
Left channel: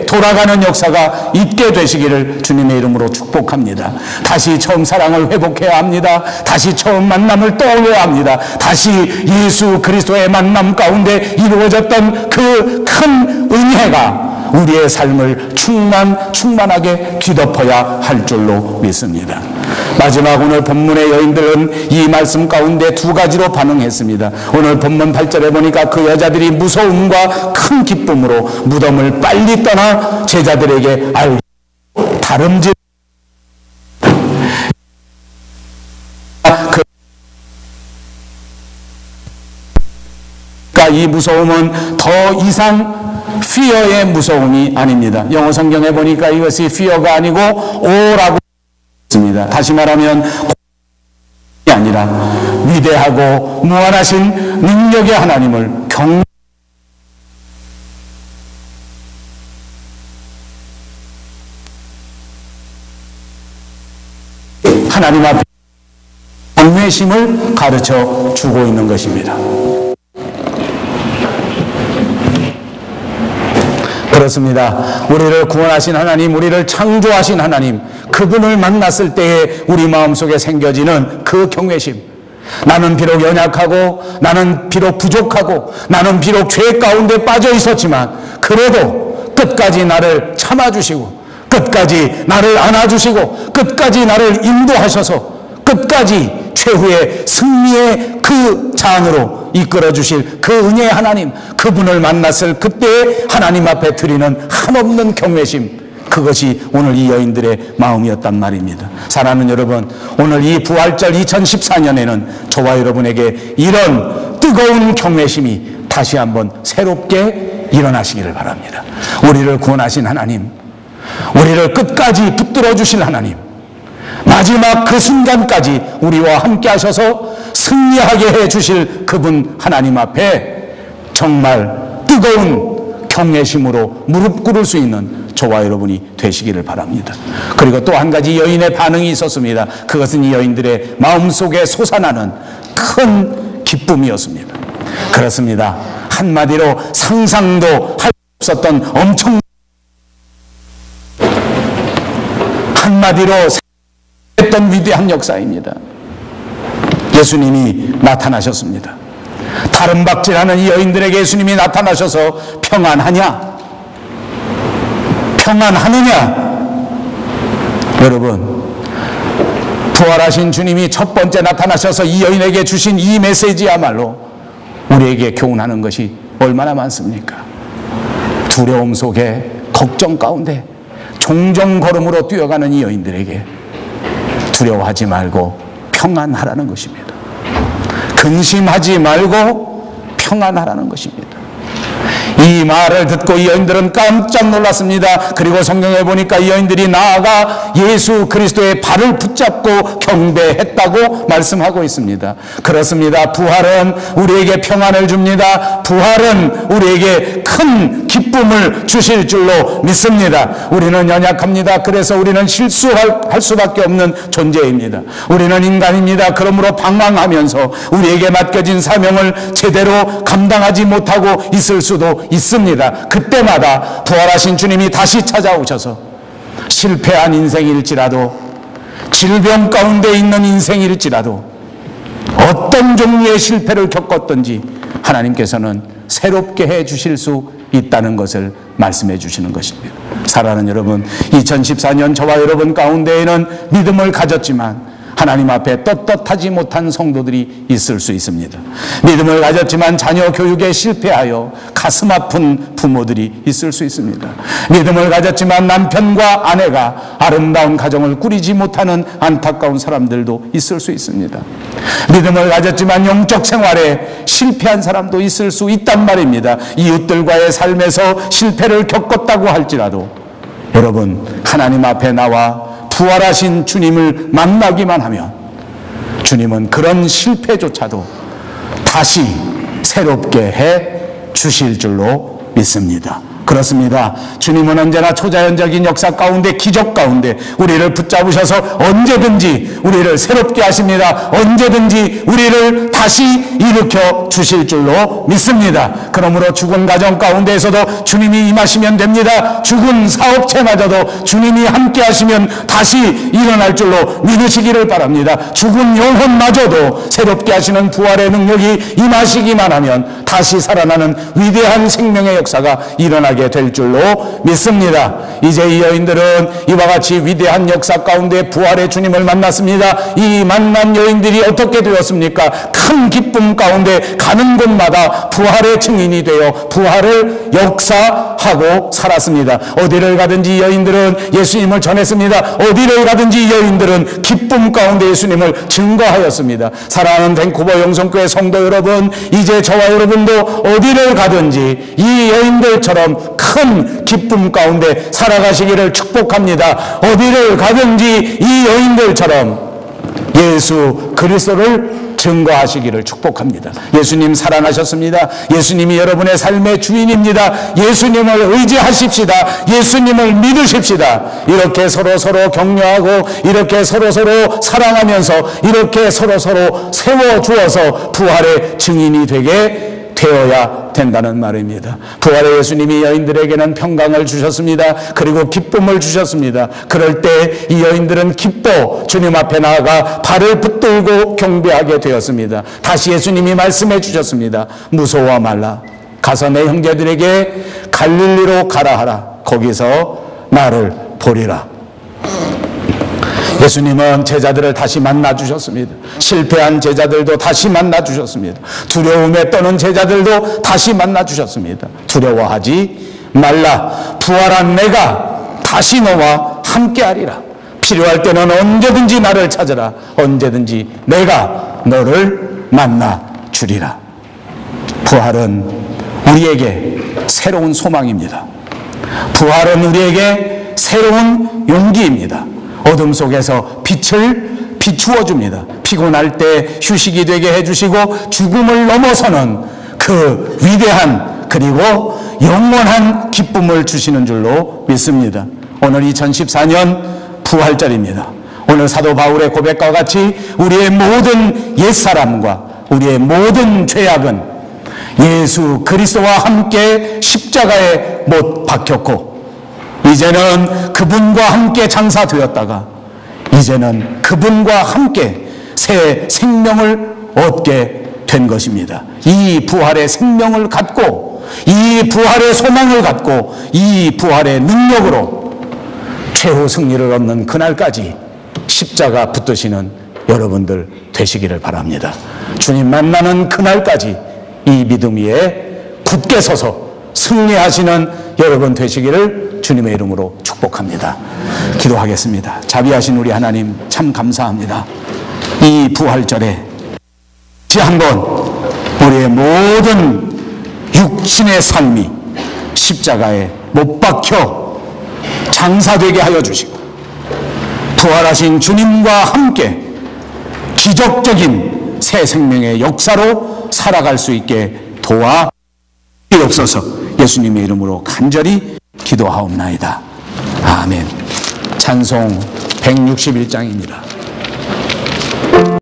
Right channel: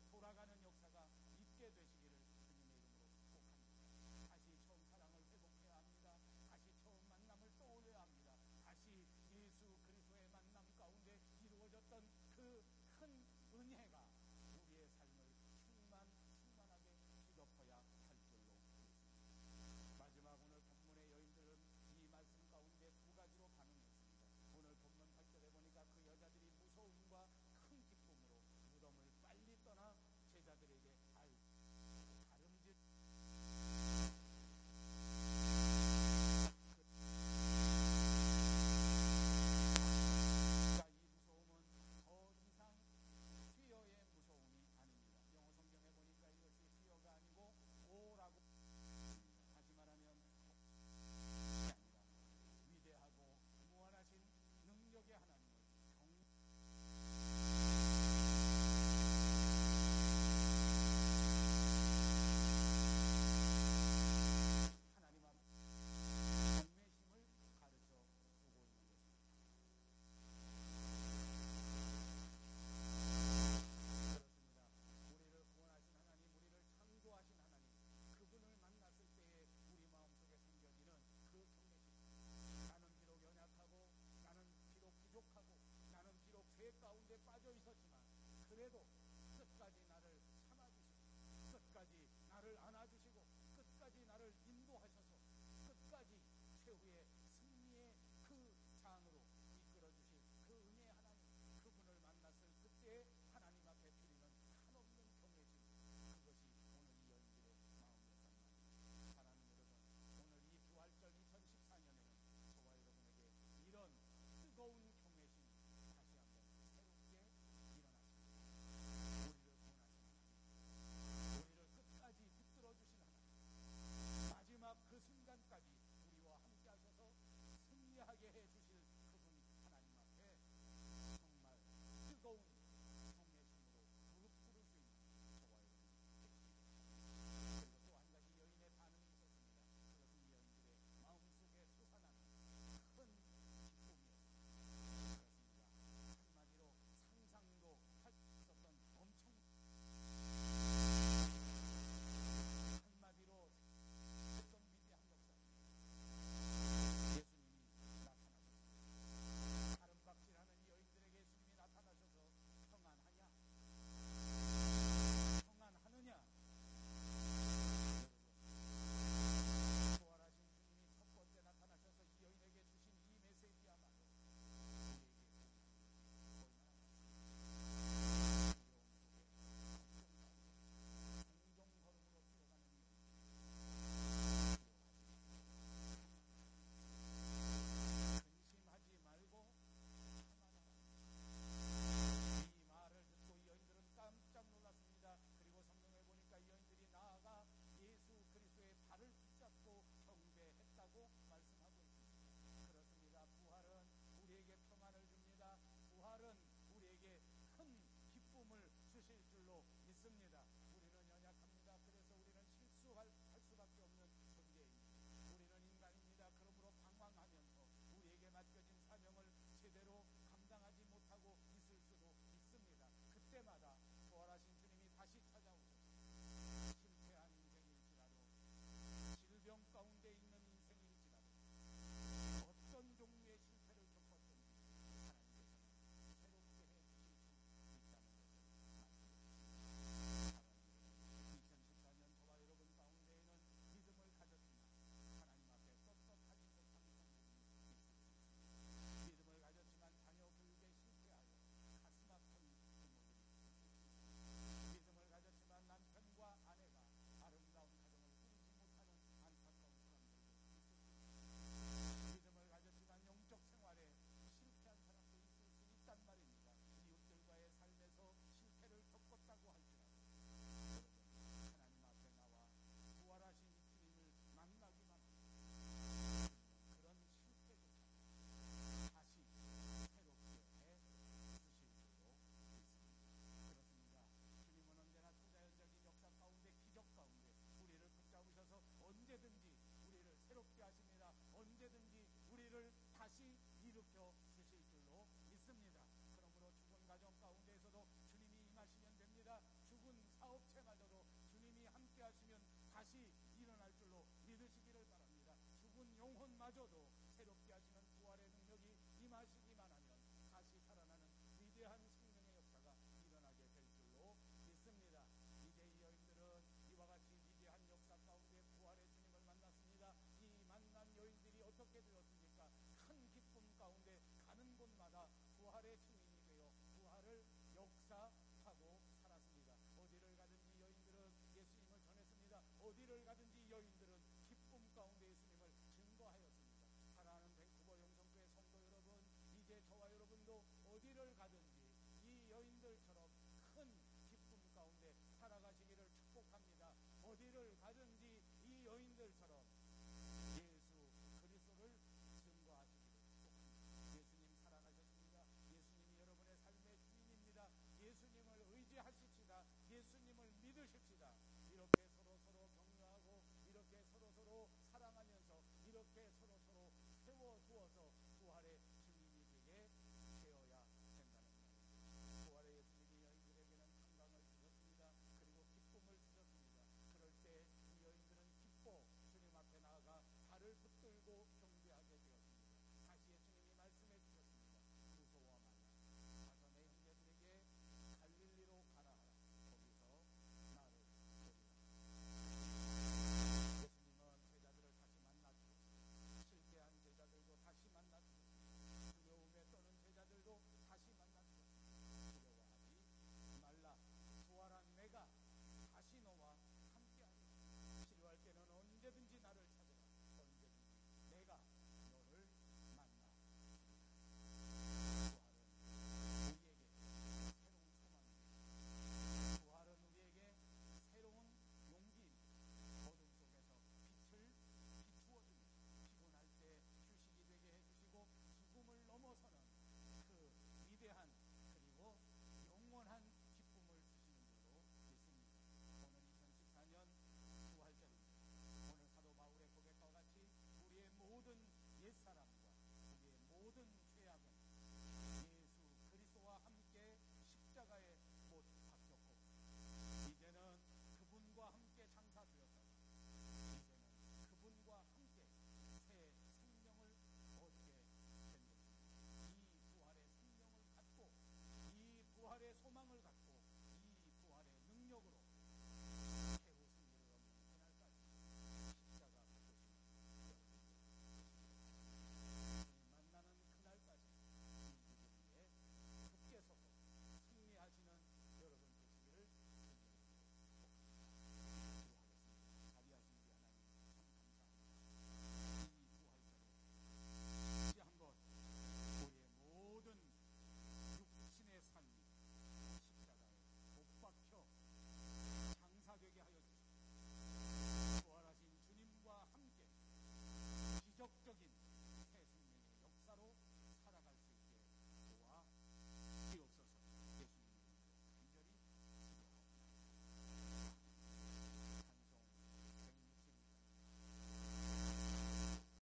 돌아가는 역사가 있게 되시기를 주님의 이름으로 축복합니다. 다시 처음 사랑을 회복해야 합니다. 다시 처음 만남을 떠올려야 합니다. 다시 예수 그리스도의 만남 가운데 이루어졌던 그 큰 은혜가 우리의 삶을 충만하게 뒤덮어야 할 줄로 믿습니다. 마지막 오늘 본문의 여인들은 이 말씀 가운데 두 가지로 반응했습니다. 오늘 본문 8절에 보니까 그 여자들이 무서움과 큰 기쁨으로 무덤을 빨리 떠나 제자들에게 알고 다름질 이 무서움은 더 이상 fear의 무서움이 아닙니다. 영어 성경에 보니까 이것이 fear가 아니고 o라고 있습니다. 다시 말하면 이 아니라 위대하고 무한하신 능력의 하나님을 하나님 앞에 경외심을 가르쳐 주고 있는 것입니다. 그렇습니다. 우리를 구원하신 하나님, 우리를 창조하신 하나님, 그분을 만났을 때에 우리 마음속에 생겨지는 그 경외심. 나는 비록 연약하고, 나는 비록 부족하고, 나는 비록 죄 가운데 빠져 있었지만 그래도 끝까지 나를 참아주시고, 끝까지 나를 안아주시고, 끝까지 나를 인도하셔서 끝까지 최후의 승리의 그 장으로 이끌어주실 그 은혜의 하나님, 그분을 만났을 그때의 하나님 앞에 드리는 한없는 경외심, 그것이 오늘 이 여인들의 마음이었단 말입니다. 사랑하는 여러분, 오늘 이 부활절 2014년에는 저와 여러분에게 이런 뜨거운 경외심이 다시 한번 새롭게 일어나시기를 바랍니다. 우리를 구원하신 하나님, 우리를 끝까지 붙들어 주실 하나님, 마지막 그 순간까지 우리와 함께 하셔서 승리하게 해 주실 그분 하나님 앞에 정말 뜨거운 경외심으로 무릎 꿇을 수 있는 저와 여러분이 되시기를 바랍니다. 그리고 또 한 가지 여인의 반응이 있었습니다. 그것은 이 여인들의 마음속에 솟아나는 큰 기쁨이었습니다. 그렇습니다. 한마디로 상상도 할 수 없었던 엄청, 한마디로 했던 위대한 역사입니다. 예수님이 나타나셨습니다. 다른 박질하는 이 여인들에게 예수님이 나타나셔서 평안하냐? 평안하느냐? 여러분, 부활하신 주님이 첫 번째 나타나셔서 이 여인에게 주신 이 메시지야말로 우리에게 교훈하는 것이 얼마나 많습니까? 두려움 속에, 걱정 가운데 종종 걸음으로 뛰어가는 이 여인들에게 두려워하지 말고 평안하라는 것입니다. 근심하지 말고 평안하라는 것입니다. 이 말을 듣고 이 여인들은 깜짝 놀랐습니다. 그리고 성경에 보니까 이 여인들이 나아가 예수 그리스도의 발을 붙잡고 경배했다고 말씀하고 있습니다. 그렇습니다. 부활은 우리에게 평안을 줍니다. 부활은 우리에게 큰 기쁨을 주실 줄로 믿습니다. 우리는 연약합니다. 그래서 우리는 실수할 수밖에 없는 존재입니다. 우리는 인간입니다. 그러므로 방황하면서 우리에게 맡겨진 사명을 제대로 감당하지 못하고 있을 수도 있습니다. 그때마다 부활하신 주님이 다시 찾아오셔서 실패한 인생일지라도, 질병 가운데 있는 인생일지라도, 어떤 종류의 실패를 겪었든지 하나님께서는 새롭게 해 주실 수 있다는 것을 말씀해 주시는 것입니다. 사랑하는 여러분, 2014년 저와 여러분 가운데에는 믿음을 가졌지만 하나님 앞에 떳떳하지 못한 성도들이 있을 수 있습니다. 믿음을 가졌지만 자녀 교육에 실패하여 가슴 아픈 부모들이 있을 수 있습니다. 믿음을 가졌지만 남편과 아내가 아름다운 가정을 꾸리지 못하는 안타까운 사람들도 있을 수 있습니다. 믿음을 가졌지만 영적 생활에 실패한 사람도 있을 수 있단 말입니다. 이웃들과의 삶에서 실패를 겪었다고 할지라도 여러분, 하나님 앞에 나와 부활하신 주님을 만나기만 하면 주님은 그런 실패조차도 다시 새롭게 해 주실 줄로 믿습니다. 그렇습니다. 주님은 언제나 초자연적인 역사 가운데, 기적 가운데 우리를 붙잡으셔서 언제든지 우리를 새롭게 하십니다. 언제든지 우리를 다시 일으켜 주실 줄로 믿습니다. 그러므로 죽은 가정 가운데에서도 주님이 임하시면 됩니다. 죽은 사업체마저도 주님이 함께 하시면 다시 일어날 줄로 믿으시기를 바랍니다. 죽은 영혼마저도 새롭게 하시는 부활의 능력이 임하시기만 하면 다시 살아나는 위대한 생명의 역사가 일어나기 일어나게 될 줄로 믿습니다. 이제 이 여인들은 이와 같이 위대한 역사 가운데 부활의 주님을 만났습니다. 이 만난 여인들이 어떻게 되었습니까? 큰 기쁨 가운데 가는 곳마다 부활의 증인이 되어 부활을 역사하고 살았습니다. 어디를 가든지 여인들은 예수님을 전했습니다. 어디를 가든지 여인들은 기쁨 가운데 예수님을 증거하였습니다. 사랑하는 밴쿠버 영성교회 성도 여러분, 이제 저와 여러분도 어디를 가든지 이 여인들처럼 큰 기쁨 가운데 살아가시기를 축복합니다. 어디를 가든지 이 여인들처럼 예수 그리스도를 증거하시기를 축복합니다. 예수님 살아나셨습니다. 예수님이 여러분의 삶의 주인입니다. 예수님을 의지하십시다. 예수님을 믿으십시다. 이렇게 서로 격려하고 이렇게 서로 사랑하면서 이렇게 서로 세워주어서 부활의 증인이 되게 되어야 된다는 말입니다. 부활의 예수님이 여인들에게는 평강을 주셨습니다. 그리고 기쁨을 주셨습니다. 그럴 때 이 여인들은 기뻐 주님 앞에 나아가 발을 붙들고 경배하게 되었습니다. 다시 예수님이 말씀해 주셨습니다. 무서워 말라. 가서 내 형제들에게 갈릴리로 가라 하라. 거기서 나를 보리라. 예수님은 제자들을 다시 만나 주셨습니다. 실패한 제자들도 다시 만나 주셨습니다. 두려움에 떠는 제자들도 다시 만나 주셨습니다. 두려워하지 말라. 부활한 내가 다시 너와 함께하리라. 필요할 때는 언제든지 나를 찾으라. 언제든지 내가 너를 만나 주리라. 부활은 우리에게 새로운 소망입니다. 부활은 우리에게 새로운 용기입니다. 어둠 속에서 빛을 비추어 줍니다. 피곤할 때 휴식이 되게 해주시고 죽음을 넘어서는 그 위대한 그리고 영원한 기쁨을 주시는 줄로 믿습니다. 오늘 2014년 부활절입니다. 오늘 사도 바울의 고백과 같이 우리의 모든 옛사람과 우리의 모든 죄악은 예수 그리스도와 함께 십자가에 못 박혔고 이제는 그분과 함께 장사되었다가 이제는 그분과 함께 새 생명을 얻게 된 것입니다. 이 부활의 생명을 갖고 이 부활의 소망을 갖고 이 부활의 능력으로 최후 승리를 얻는 그날까지 십자가 붙드시는 여러분들 되시기를 바랍니다. 주님 만나는 그날까지 이 믿음 위에 굳게 서서 승리하시는 여러분 되시기를 주님의 이름으로 축복합니다. 기도하겠습니다. 자비하신 우리 하나님 참 감사합니다. 이 부활절에 다시 한번 우리의 모든 육신의 삶이 십자가에 못 박혀 장사되게 하여 주시고 부활하신 주님과 함께 기적적인 새 생명의 역사로 살아갈 수 있게 도와 주옵소서. 예수님의 이름으로 간절히 기도하옵나이다. 아멘. 찬송 161장입니다.